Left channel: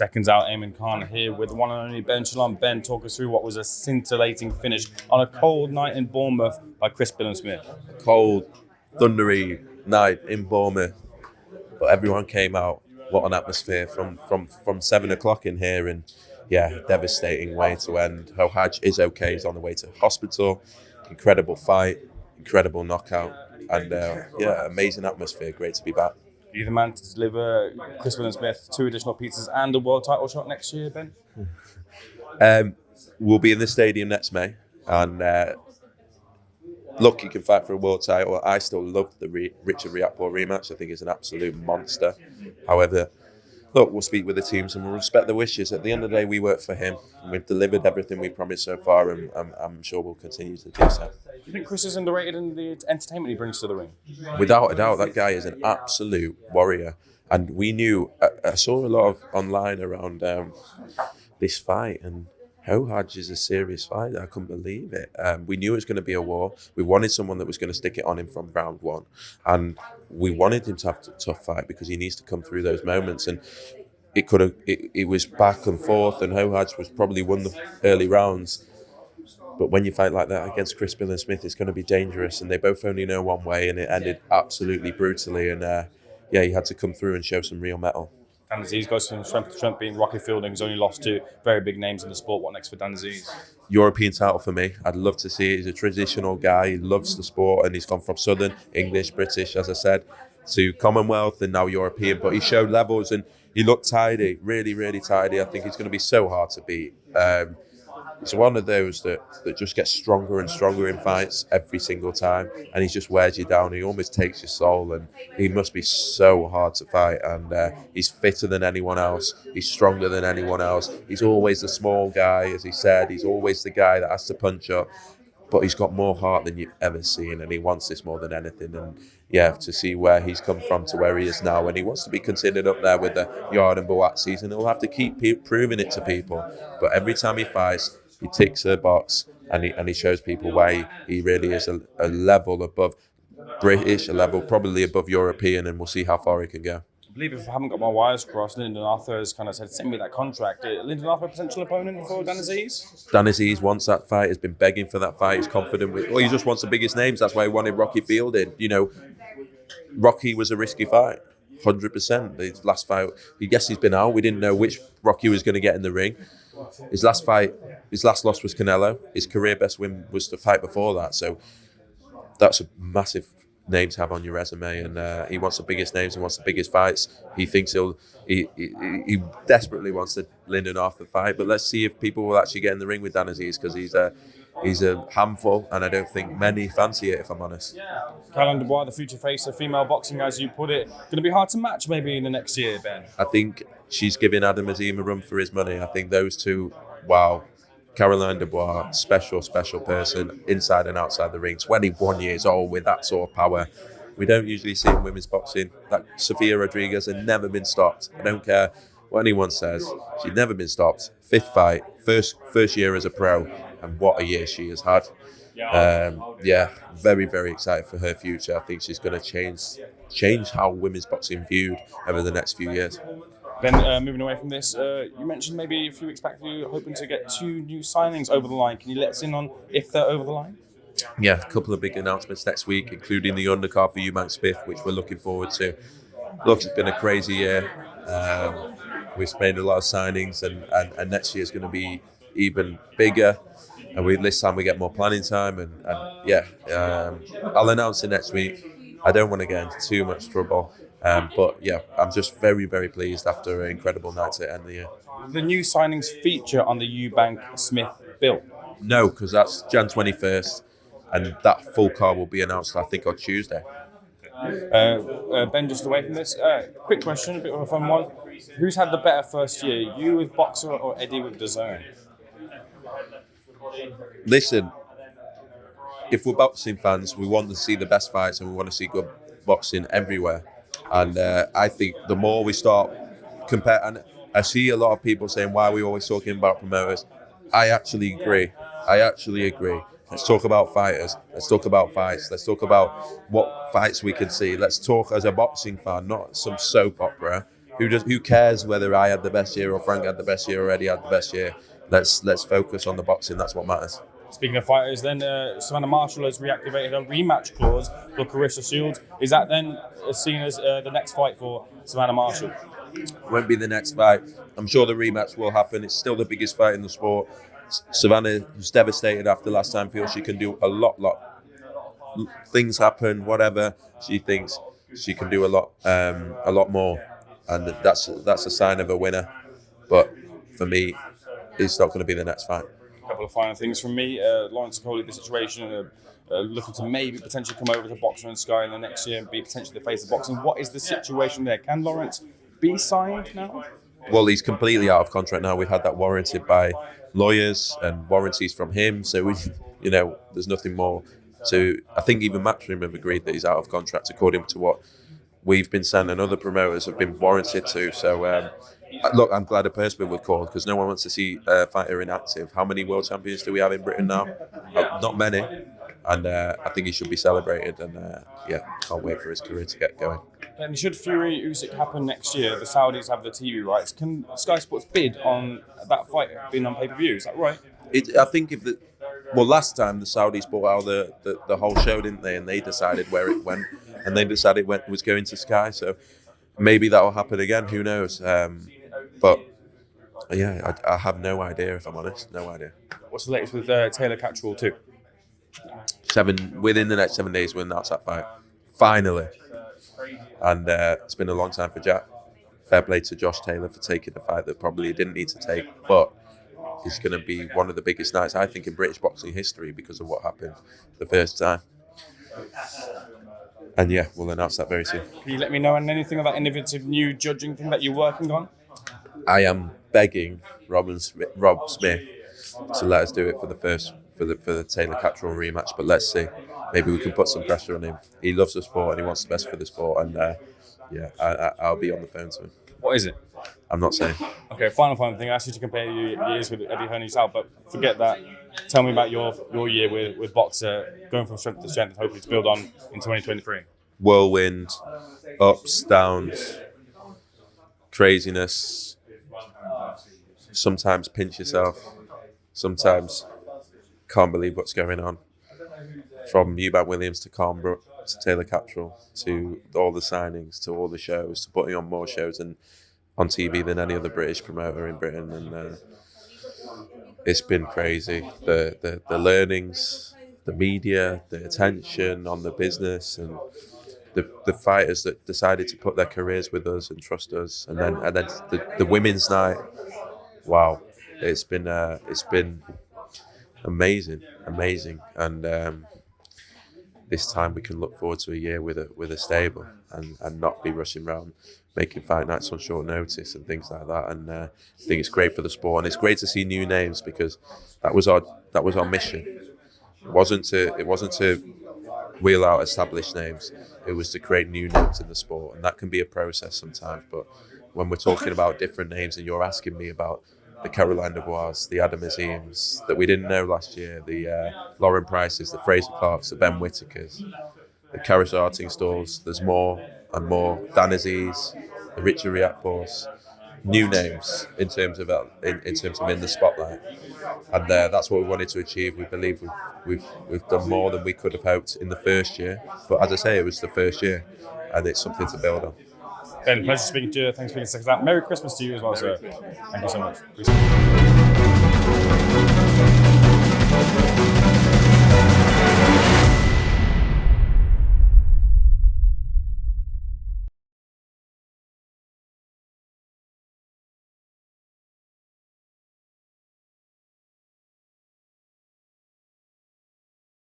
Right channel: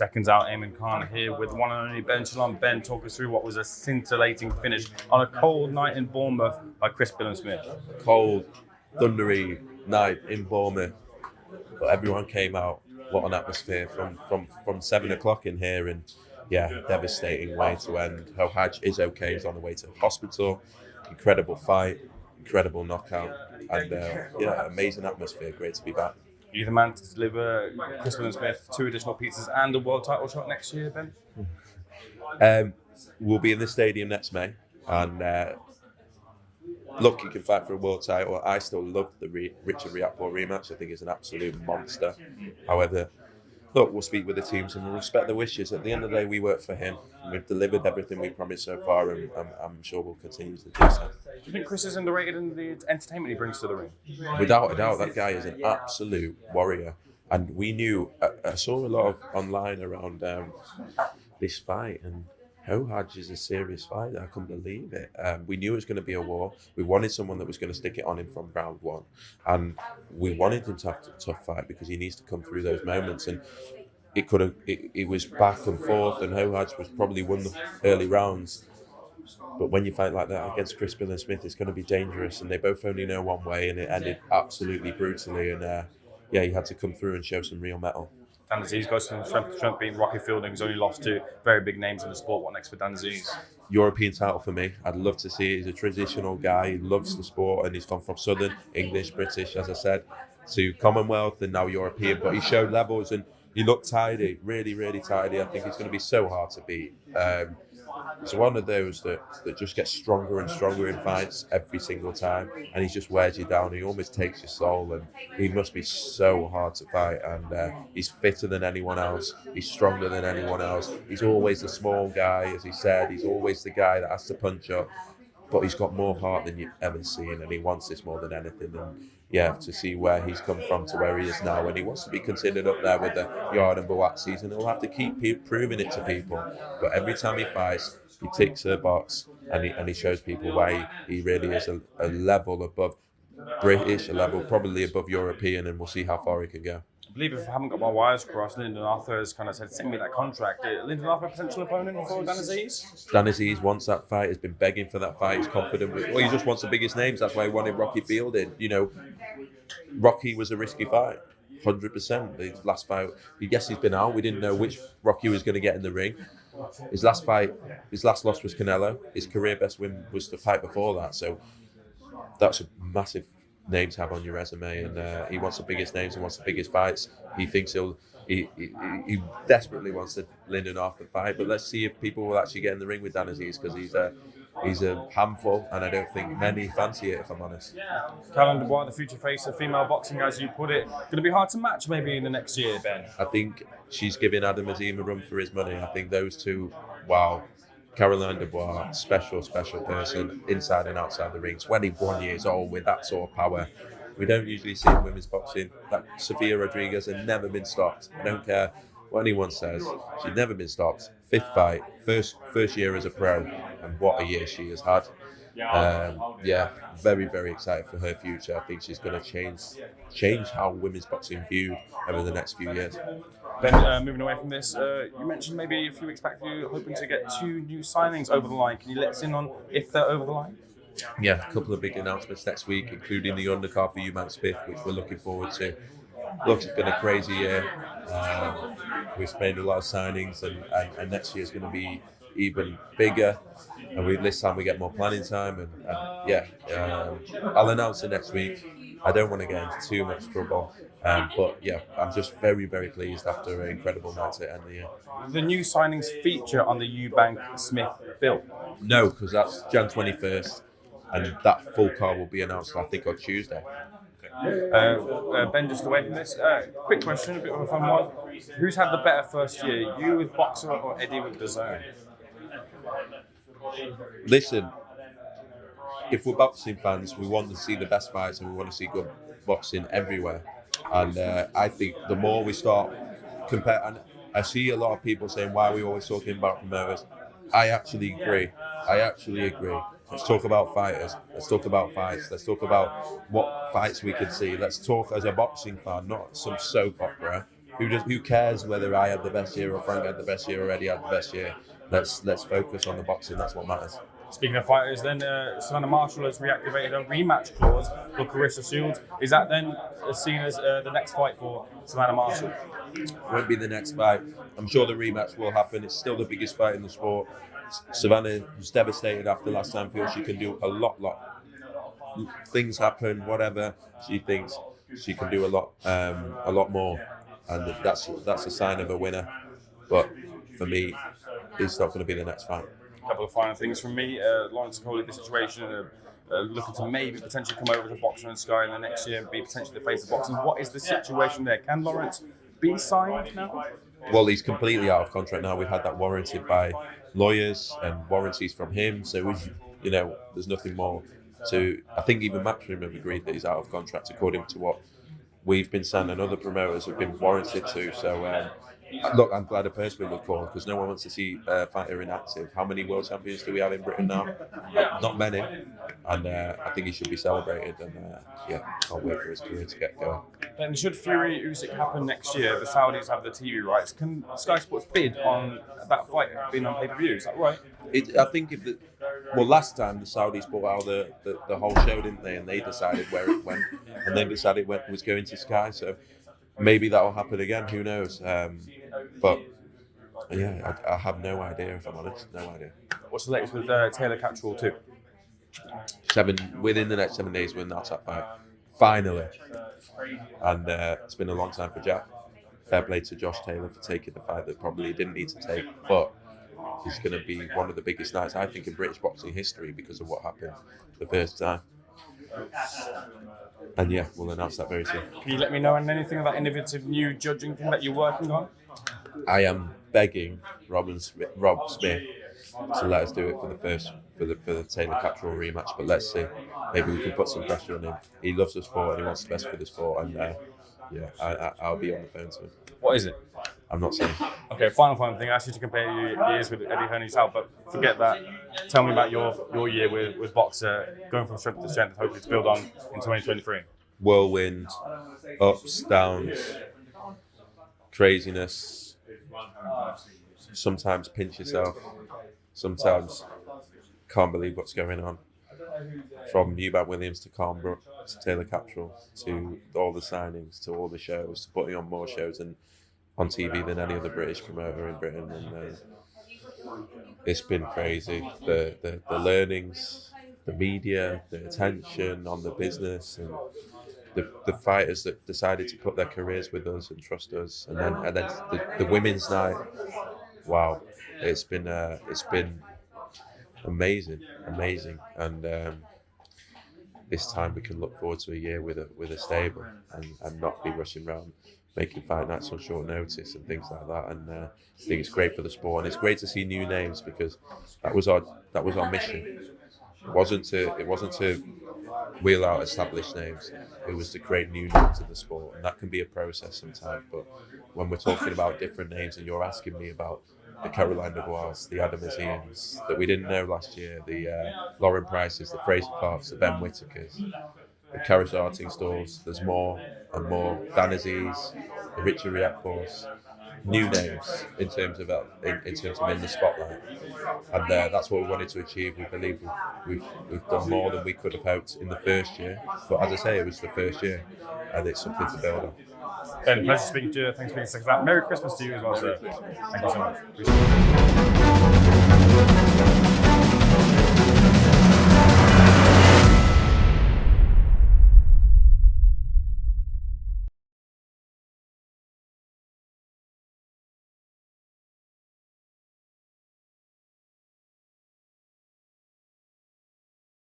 Seconds out, Ayman Khan here with one and only Ben Shalom. Ben, talk us through what was a scintillating finish on a cold night in Bournemouth by Chris Billiam-Smith. Cold, thundery night in Bournemouth, but everyone came out. What an atmosphere from 7 o'clock in here, and devastating way to end. Xhoxhaj is okay. He's on the way to hospital. Incredible fight, incredible knockout, and amazing atmosphere. Great to be back. You're the man to deliver Chris Billiam-Smith 2 additional pizzas and a world title shot next year, Ben? We'll be in the stadium next May, and look, you can fight for a world title. I still love the Richard Riakporhe rematch. I think it's an absolute monster. However, look, we'll speak with the teams and we'll respect the wishes. At the end of the day, we work for him. We've delivered everything we promised so far, and I'm sure we'll continue to do so. Do you think Chris is underrated in the entertainment he brings to the ring? Without a doubt, that guy is an absolute warrior. And we knew, I saw a lot of online around this fight, and Xhoxhaj is a serious fight. I couldn't believe it. We knew it was going to be a war. We wanted someone that was going to stick it on him from round one. And we wanted him to have a tough fight because he needs to come through those moments. And it was back and forth, and Xhoxhaj was probably won the early rounds. But when you fight like that against Chris Billiam-Smith, it's going to be dangerous. And they both only know one way, and it ended absolutely brutally. And he had to come through and show some real mettle. Dan Aziz goes from strength to strength, being Rocky Fielding. He's only lost to very big names in the sport. What next for Dan Aziz? European title for me. I'd love to see it. He's a traditional guy. He loves the sport, and he's gone from Southern, English, British, as I said, to Commonwealth and now European. But he showed levels, and he looked tidy, really, really tidy. I think he's going to be so hard to beat. He's one of those that just gets stronger and stronger in fights every single time, and he just wears you down. He almost takes your soul, and he must be so hard to fight. And he's fitter than anyone else. He's stronger than anyone else. He's always the small guy, as he said. He's always the guy that has to punch up, but he's got more heart than you've ever seen, and he wants this more than anything. And to see where he's come from to where he is now, and he wants to be considered up there with the Yard and Boatzis, and he'll have to keep proving it to people. But every time he fights, he ticks a box, and he shows people why he really is a level above British, a level probably above European, and we'll see how far he can go. I believe if I haven't got my wires crossed, Lyndon Arthur has kind of said, send me that contract. Lyndon Arthur a potential opponent for Dan Aziz? Dan Aziz wants that fight, has been begging for that fight, he's confident. He just wants the biggest names, that's why he wanted Rocky Fielding. Rocky was a risky fight, 100%. His last fight, yes, he's been out, we didn't know which Rocky was going to get in the ring. His last loss was Canelo. His career best win was the fight before that. So that's a massive name to have on your resume. And he wants the biggest names. He wants the biggest fights. He thinks he desperately wants the Lyndon Arthur fight. But let's see if people will actually get in the ring with Dan Aziz, because he's a handful, and I don't think many fancy it, if I'm honest. Caroline Dubois, the future face of female boxing, as you put it, going to be hard to match maybe in the next year, Ben? I think she's giving Adam Azim a run for his money. I think those two, wow. Caroline Dubois, special person, inside and outside the ring, 21 years old with that sort of power. We don't usually see in women's boxing. That Sofia Rodriguez has never been stopped. I don't care what anyone says. She's never been stopped. 5th fight, first year as a pro, and what a year she has had. Very, very excited for her future. I think she's going to change how women's boxing viewed over the next few years. Ben, moving away from this, you mentioned maybe a few weeks back you're hoping to get 2 new signings over the line. Can you let us in on if they're over the line? Yeah, a couple of big announcements next week, including the undercard for Ayman, which we're looking forward to. Look, it's been a crazy year. We've made a lot of signings, and next year is going to be even bigger. And this time we get more planning time, I'll announce it next week. I don't want to get into too much trouble. I'm just very, very pleased after an incredible night to end the year. The new signings feature on the billam-smith bill? No, because that's Jan 21st, and that full card will be announced, I think, on Tuesday. Ben, just away from this, quick question, a bit of a fun one. Who's had the better first year, you with Boxer or Eddie with DAZN? Listen, if we're boxing fans, we want to see the best fights, and we want to see good boxing everywhere. And I think the more we start compare, and I see a lot of people saying, why are we always talking about promoters? I actually agree. Let's talk about fighters. Let's talk about fights. Let's talk about what fights we can see. Let's talk as a boxing fan, not some soap opera. Who cares whether I had the best year or Frank had the best year or Eddie had the best year? Let's focus on the boxing. That's what matters. Speaking of fighters, then Savannah Marshall has reactivated a rematch clause for Carissa Shields. Is that then seen as the next fight for Savannah Marshall? Won't be the next fight. I'm sure the rematch will happen. It's still the biggest fight in the sport. Savannah was devastated after last time. Feels she can do a lot. Things happen, whatever. She thinks she can do a lot more, and that's a sign of a winner. But for me, it's not going to be the next fight. A couple of final things from me. Lawrence OKOLIE, the situation, looking to maybe potentially come over to Boxer and Sky in the next year and be potentially the face of boxing. What is the situation there? Can Lawrence be signed now? Well, he's completely out of contract now. We've had that warranted by lawyers and warranties from him. So there's nothing more to. I think even Matchroom have agreed that he's out of contract according to what we've been sent and other promoters have been warranted to. So look, I'm glad a person would call because no one wants to see a fighter inactive. How many world champions do we have in Britain now? Not many. And I think he should be celebrated. And can't wait for his career to get going. Then should Fury Usyk happen next year, the Saudis have the TV rights. Can Sky Sports bid on that fight being on pay-per-view? Is that right? I think last time the Saudis bought out the whole show, didn't they? And they decided where it went, and they decided when it was going to Sky. So maybe that will happen again. Who knows? But yeah, I have no idea if I'm honest. No idea. What's the latest with Taylor Catchwell too? Within the next 7 days, we'll announce that fight. Finally. And it's been a long time for Jack. Fair play to Josh Taylor for taking the fight that probably he didn't need to take, but it's going to be one of the biggest nights, I think, in British boxing history because of what happened the first time. And yeah, we'll announce that very soon. Can you let me know on anything of that innovative new judging thing that you're working on? I am begging Rob Smith to let us do it for the Taylor Catchwell rematch, but let's see. Maybe we can put some pressure on him. He loves the sport and he wants the best for the sport, and I'll be on the phone to him. What is it? I'm not saying. Okay, final thing. I asked you to compare your years with Eddie Hearn's out, but forget that. Tell me about your year with Boxer, going from strength to strength, hopefully to build on in 2023. Whirlwind, ups, downs, craziness. Sometimes pinch yourself. Sometimes can't believe what's going on. From Eubank Williams to Carnbrook to Taylor Catchwell to all the signings to all the shows to putting on more shows and on TV than any other British promoter in Britain, and it's been crazy. The learnings, the media, the attention on the business, and the fighters that decided to put their careers with us and trust us, and then the women's night. Wow, it's been amazing, and this time we can look forward to a year with a stable and not be rushing around making fight nights on short notice and things like that. And I think it's great for the sport, and it's great to see new names because that was our mission. It wasn't to wheel out established names. It was to create new names in the sport, and that can be a process sometimes. But when we're talking about different names, and you're asking me about the Caroline Dubois, the Adam Azims that we didn't know last year, the Lauren Prices, the Fraser Clarks, the Ben Whitakers, the Karis Arting Stalls, there's more and more. Dan Aziz, the Richard Riakpors, new names in terms of in the spotlight, and that's what we wanted to achieve. We believe we've done more than we could have hoped in the first year, but as I say, it was the first year, and it's something to build on. Ben, pleasure speaking to you. Thanks for being SecondsOut. Merry Christmas to you as well, sir. Thank you so much.